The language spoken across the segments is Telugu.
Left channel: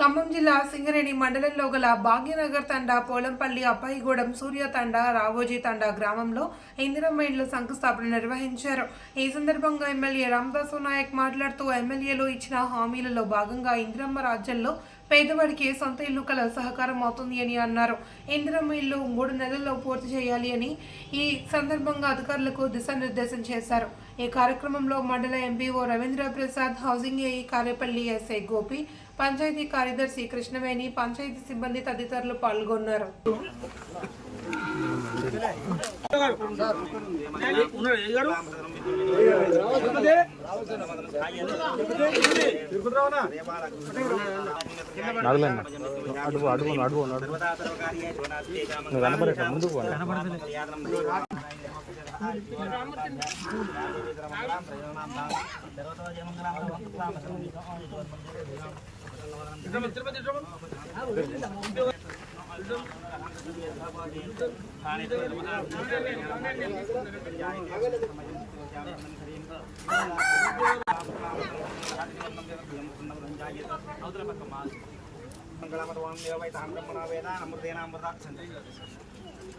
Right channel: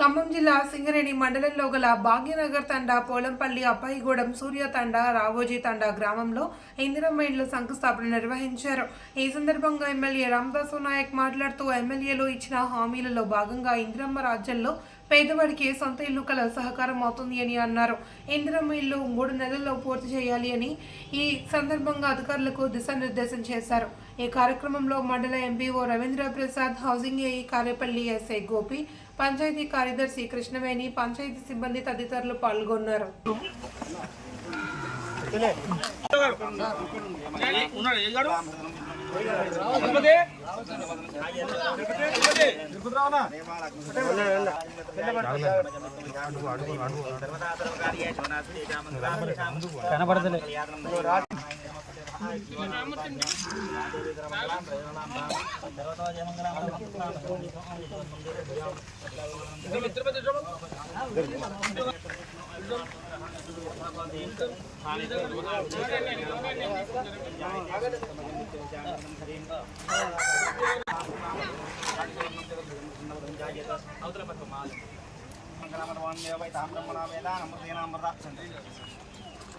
ఖమ్మం జిల్లా సింగరేణి మండలంలో గల భాగ్యనగర్ తండా పోలంపల్లి అప్పాయిగూడెం సూర్య తండా రావోజీ తండా గ్రామంలో ఇందిరమ్మ ఇండ్ల శంకుస్థాపన నిర్వహించారు. ఈ సందర్భంగా ఎమ్మెల్యే రామదాసు నాయక్ మాట్లాడుతూ ఎమ్మెల్యేలు ఇచ్చిన హామీలలో భాగంగా ఇందిరమ్మ రాజ్యంలో పేదవాడికి సొంత ఇల్లు కల సహకారం అవుతుంది అని అన్నారు. ఇందిరమ్మ ఇల్లు మూడు నెలల్లో పూర్తి చేయాలి అని ఈ సందర్భంగా అధికారులకు దిశానిర్దేశం చేశారు. ఈ కార్యక్రమంలో మండల MPO Ravindra Prasad housing AE Karepalli SI Gopi panchayati కార్యదర్శి కృష్ణవేణి పంచాయతీ సిబ్బంది తదితరులు పాల్గొన్నారు. Kita mau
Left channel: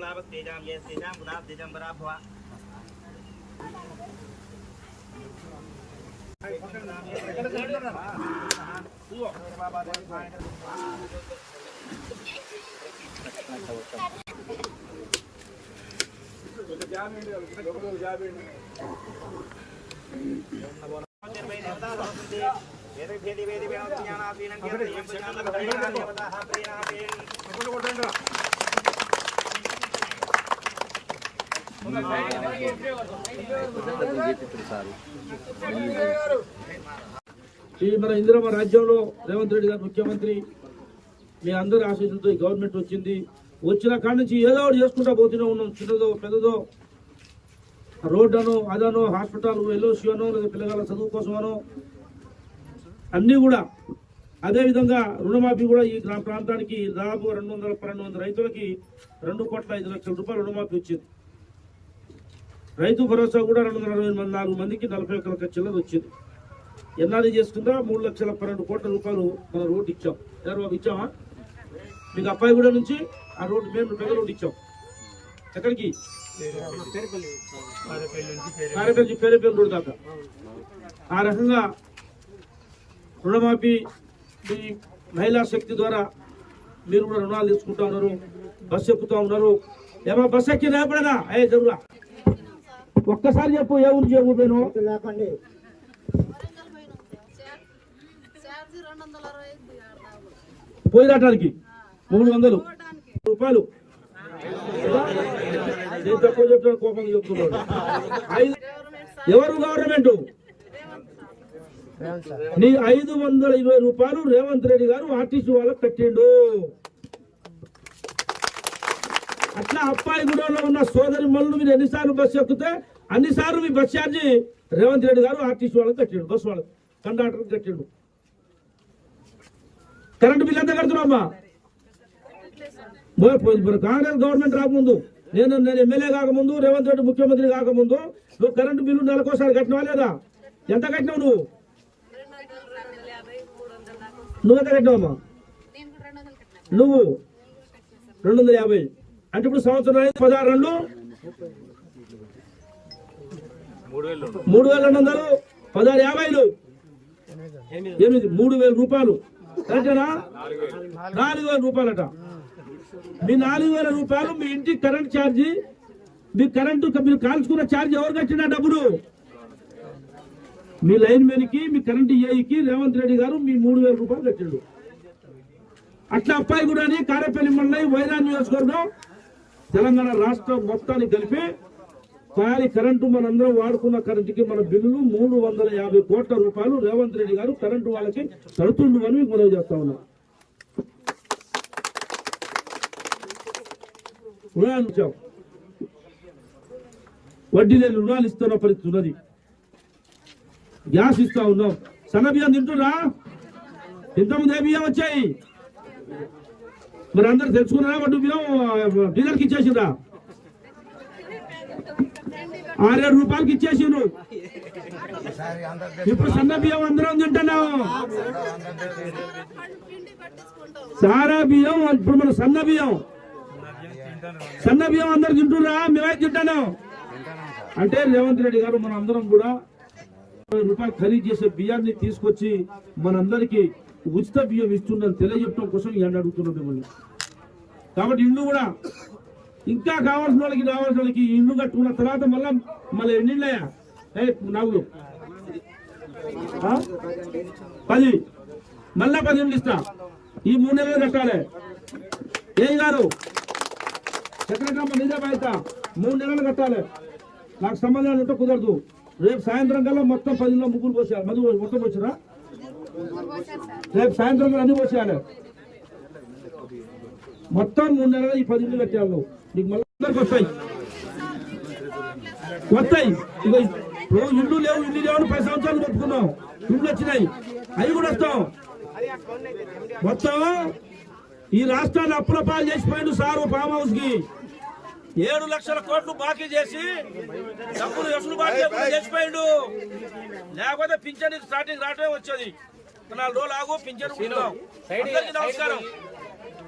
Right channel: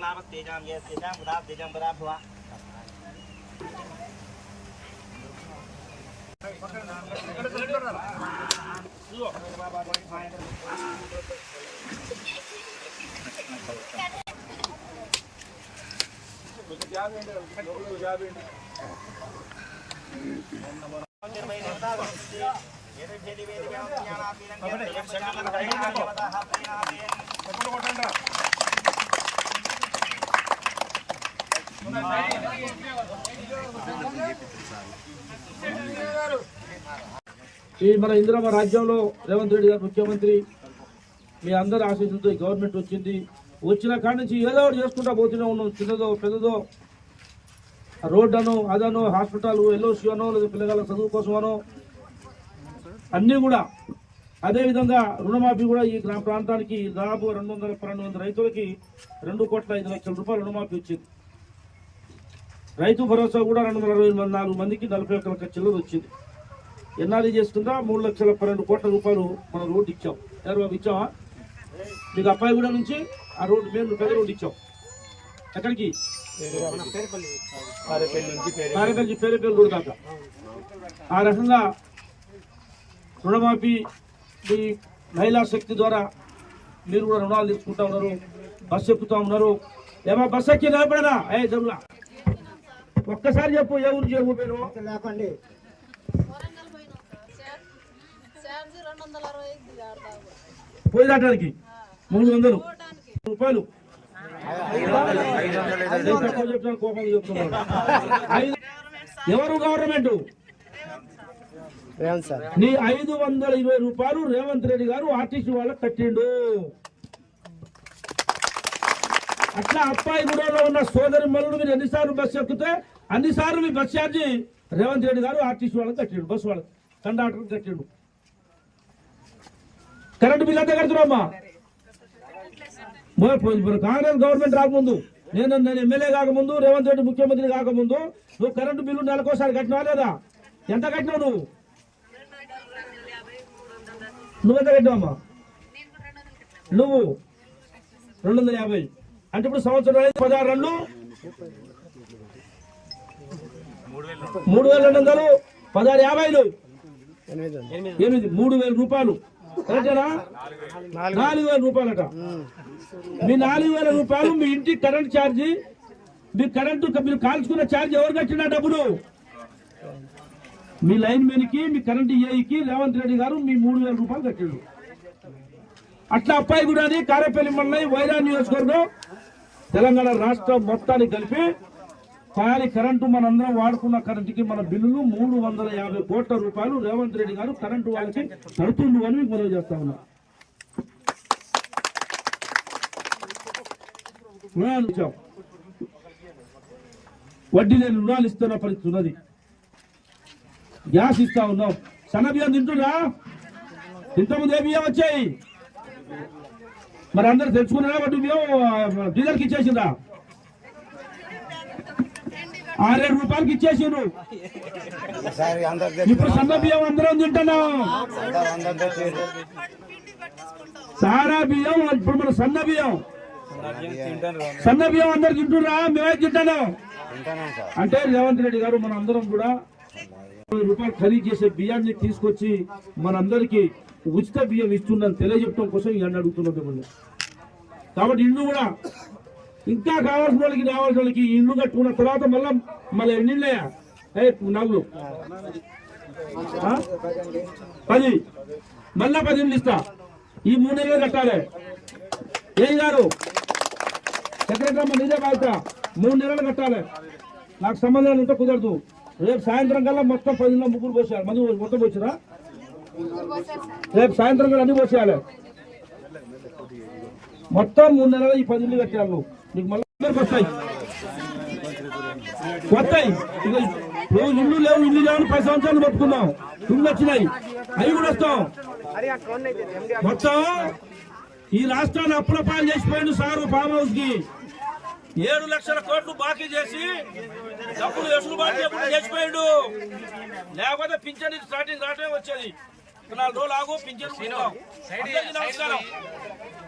లాభస్తేజాం యస్తేజాం కొట్టండి రా ఈ మన ఇందిరమ్మ రాజ్యంలో రేవంత్ రెడ్డి గారు ముఖ్యమంత్రి. మీ అందరి ఆశీస్సులతో ఈ గవర్నమెంట్ వచ్చింది. వచ్చిన కాడి నుంచి ఏదో ఒకటి చేసుకుంటా పోతూనే ఉన్నాం. చిన్నదో పెద్దదో. రోడ్ అనో అదనో హాస్పిటల్ ఎల్ఓసి అనో లేదా పిల్లగాళ్ళ చదువు కోసమనో అన్నీ కూడా అదేవిధంగా రుణమాఫీ కూడా ఈ గ్రామ ప్రాంతానికి దాదాపు రెండు వందల పన్నెండు వందల రైతులకి రెండు కోట్ల ఐదు లక్షల రూపాయలు రుణమాఫీ వచ్చింది. రైతు భరోసా కూడా రెండు వందల అరవై మంది నాలుగు మందికి నలభై ఒక్క లక్షల చిల్లర వచ్చింది. ఎన్నాళ్ళు చేసుకుందా? మూడు లక్షల పన్నెండు కోట్ల రూపాయలు మనం రోడ్డు ఇచ్చాం. ఎవరు బాబు ఇచ్చామా మీకు అబ్బాయిగూడ నుంచి ఆ రోడ్డు మేము పెద్ద రోడ్డు ఇచ్చాం. ఎక్కడికి? పారేపల్లి పేరేపల్లి రోడ్డు దాకా. ఆ రకంగా రుణమాఫీ మీ మహిళా శక్తి ద్వారా మీరు కూడా రుణాలు తీసుకుంటా ఉన్నారు బస్సు ఎక్కుతా ఉన్నారు. ఏమో బస్సు ఎక్కి లేపడనా ఏ దొరుకులా ఒక్కసారి చెప్పు ఏ ఊరు లేకండి అరవై ఐదు ఆడతా పోయి దాటానికి మూడు వందలు. రూపాయలు. నేను తక్కువ చెప్తాను కోపంగా చెప్తున్నాడు. ఐదు ఎవరు గవర్నమెంట్? నీ ఐదు వందల ఇరవై రూపాయలు రేవంత్ రెడ్డి గారు ఆర్టీసీ వాళ్ళకి కట్టిండు. అట్లా అప్పాయిగూడలో ఉన్న సోదరి మల్లుడు మీరు ఎన్నిసార్లు బస్సు ఎక్కితే అన్నిసార్లు మీ బస్ ఛార్జీ రేవంత్ రెడ్డి గారు ఆర్టీసీ వాళ్ళకి కట్టాడు బస్సు వాళ్ళకి కండక్టర్ కట్టాడు. కరెంటు బిల్ ఎంత కడుతున్నామ్మా కాంగ్రెస్ గవర్నమెంట్ రాకముందు నేను నేను ఎమ్మెల్యే కాకముందు రేవంత్ రెడ్డి ముఖ్యమంత్రి కాకముందు నువ్వు కరెంటు బిల్లు నెలకోసారి కట్టినావా లేదా? ఎంత కట్టినావు నువ్వు? నువ్వు ఎంత కట్టినావమ్మా? నువ్వు రెండు వందల యాభై. అంటే ఇప్పుడు సంవత్సరం అయితే పదహారు రెండు. మూడు వేల రెండు వందలు పదహారు యాభైలు. ఎనిమిది మూడు వేల రూపాయలు. కరెక్టేనా? నాలుగు వేల రూపాయలట. మీ నాలుగు వేల రూపాయలు మీ ఇంటి కరెంట్ ఛార్జీ మీ కరెంటు మీరు కాల్చుకున్న ఛార్జ్ ఎవరు కట్టిన డబ్బులు? మీ లైన్ మెన్కి మీ కరెంటు ఏఈకి రేవంత్ రెడ్డి గారు మీ మూడు వేల రూపాయలు కట్టిండు. అట్లా అప్పాయి కూడా కారేపల్లి మండలి వైరా నియోజకవర్గం తెలంగాణ రాష్ట్రం మొత్తానికి కలిపి కానీ కరెంటు మనందరం వాడుకున్న కరెంటుకి మన బిల్లు మూడు వందల యాభై కోట్ల రూపాయలు రేవంత్ రెడ్డి గారు కరెంటు వాళ్ళకి తడుతుండు అని మీకు మనవి చేస్తా ఉన్నా. ఇచ్చాం. వడ్డీ లేని రుణాలు ఇస్తున్న పరిస్థితి ఉన్నది. గ్యాస్ ఇస్తా ఉన్నాం. సన్న బియ్యం తింటున్నా ఇంతకుముందు ఏ బియ్యం వచ్చాయి? మరి అందరు తెచ్చుకున్నారా? వడ్డీ బియ్యం? డీలర్కి ఇచ్చేసిందా ఆరేడు రూపాయలకి ఇచ్చేసిండ్రు. ఇప్పుడు సన్న బియ్యం అందరం తింటున్నాం. సారా బియ్యం ఇప్పుడు మన సన్న బియ్యం. సన్న బియ్యం అందరు తింటున్నా మేమే తింటున్నాం. అంటే రేవంత్ రెడ్డి గారు మన అందరం కూడా రూపాయలు ఖరీదు చేసే బియ్యాన్ని తీసుకొచ్చి మనందరికీ ఉచిత బియ్యం ఇస్తుందని తెలియజెప్పడం కోసం ఇవన్నీ అడుగుతున్నాం మిమ్మల్ని. కాబట్టి ఇల్లు కూడా ఇంకా కావాల్సిన వాళ్ళకి కావాల్సిన వాళ్ళకి ఇల్లు కట్టుకున్న తర్వాత మళ్ళా మళ్ళీ ఎన్నిళ్ళయా ఏ నాగులు పది. మళ్ళా పది ఇళ్ళు ఇస్తా. ఈ మూడు నెలలు కట్టాలి. ఏం గారు చక్రకమ్మ అమ్మ నీదే బాధ్యత. మూడు నెలలు కట్టాలి. నాకు సంబంధం ఉంటే కుదరదు. రేపు సాయంత్రం కల్లా మొత్తం పది ముగ్గురు పోసేయాలి. మధు మొత్తం వచ్చినా రేపు సాయంత్రం కల్లా అన్ని పోసేయాలి. మొత్తం మూడు నెలలు ఈ పది ఇల్లు కట్టాలి నువ్వు నీకు మళ్ళీ వస్తాయి. వస్తాయి. ఇక నువ్వు ఇల్లు లేవు ఇల్లు లేవు పది సంవత్సరాలు పట్టుకున్నాం ఇల్లు వచ్చినాయి. అవి కూడా వస్తాం. మొత్తం ఈ రాష్ట్రాన్ని అప్పుల పాలు చేసిపోయిండు సారు ఫామ్ హౌస్కి ఏడు లక్షల కోట్లు బాకీ చేసి డబ్బులు వెసులుబాటు చేయకుండా చేసిపోయిండు. లేకపోతే పింఛన్ స్టార్టింగ్ రావటమే వచ్చేది. నాలుగు రోజులు ఆగు పింఛన్ అందరికీ నమస్కారం.